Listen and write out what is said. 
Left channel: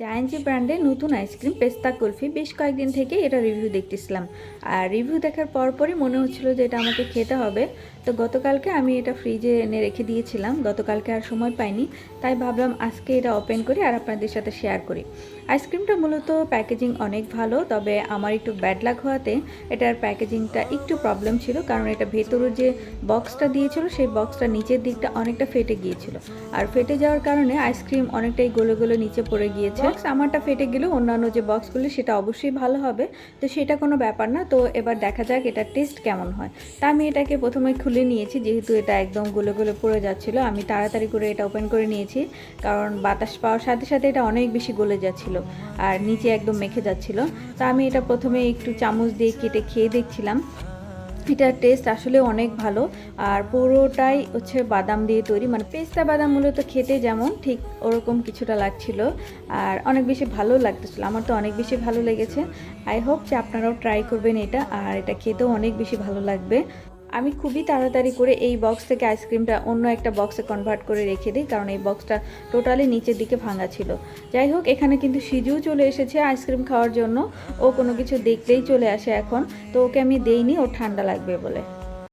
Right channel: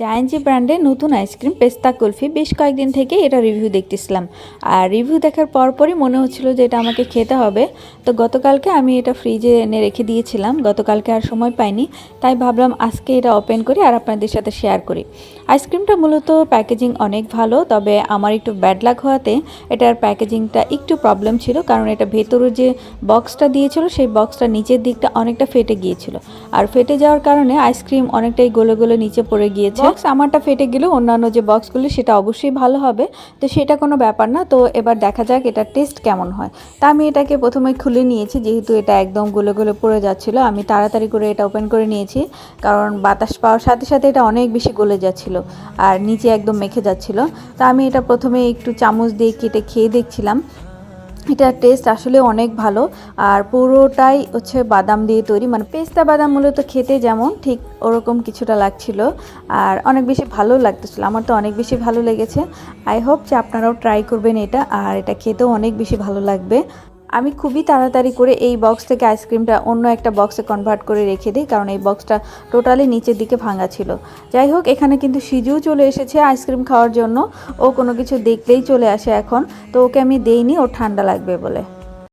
Giant ব্র্যান্ডের নতুন ice cream পেস্তা কুলফি বেশ কয়েকদিন থেকে এটা রিভিউ দেখতেছিলাম। আর রিভিউ দেখার পরপরই মনে হচ্ছিল যে এটা আমাকে খেতে হবে। তো গতকালকে আমি এটা ফ্রিজে এনে রেখে দিয়েছিলাম, গতকালকে আর সময় পাইনি, তাই ভাবলাম আজকে এটা ওপেন করি আর আপনাদের সাথে শেয়ার করি। আইসক্রিমটা মূলত প্যাকেজিং অনেক ভালো, তবে আমার একটু ব্যাড লাক হওয়াতে এটার প্যাকেজিংটা একটু প্রবলেম ছিল, কারণ এটা ভেতরে যে বক্সটা দিয়েছিল সেই বক্সটা নিচের দিকটা অনেকটা ফেটে গিয়েছিল। আর ফেটে যাওয়ার কারণে আইসক্রিম অনেকটাই গলে গলে নিচে পড়ে গিয়েছে। বক্স আমারটা ফেটে গেলেও অন্যান্য যে বক্সগুলো সেটা অবশ্যই ভালো হবে, তো সেটা কোনো ব্যাপার না। তো এবার দেখা যাক এটার টেস্ট কেমন হয়। তা আমি এটাকে প্রথমে খুলে নিয়েছি, যেহেতু এটা একদম গলে গলে পড়ে যাচ্ছিলো। আমি তাড়াতাড়ি করে এটা ওপেন করে নিয়েছি, কারণ বাতাস পাওয়ার সাথে সাথে এটা অনেক বেশি গলে যাচ্ছিলো আর নিচে একদম মেখে যাচ্ছিলো। তা আমি এটা প্রথমে একটু চামচ দিয়ে কেটে খেয়ে দেখছিলাম। এটার টেস্ট আসলে অনেক ভালো, আর পুরোটাই হচ্ছে বাদাম দিয়ে তৈরি, মানে পেস্তা বাদাম মূলত খেতে যেমন ঠিক ওরকম কিছুটা লাগছিল, আর অনেক বেশি ভালো লাগতেছিল। আমার তো অনেক বেশি ভালো লেগেছে। আই হোপ যে আপনারাও ট্রাই করবেন এটা, আর এটা খেতেও অনেক বেশি ভালো লাগবে। আমি খুবই তাড়াতাড়ি করে এই বক্স থেকে আইসক্রিমটা অন্য একটা বক্সে কনভার্ট করে রেখে দিই, কারণ এই বক্সটা টোটালি নিচের দিকে ভাঙা ছিল। যাই হোক, এখানে কিন্তু সিজুও চলে এসেছে আইসক্রিম খাওয়ার জন্য। ও কোনো কিছু দেখলেই চলে আসে এখন, তো ওকে আমি দেইনি, ও ঠান্ডা লাগবে বলে।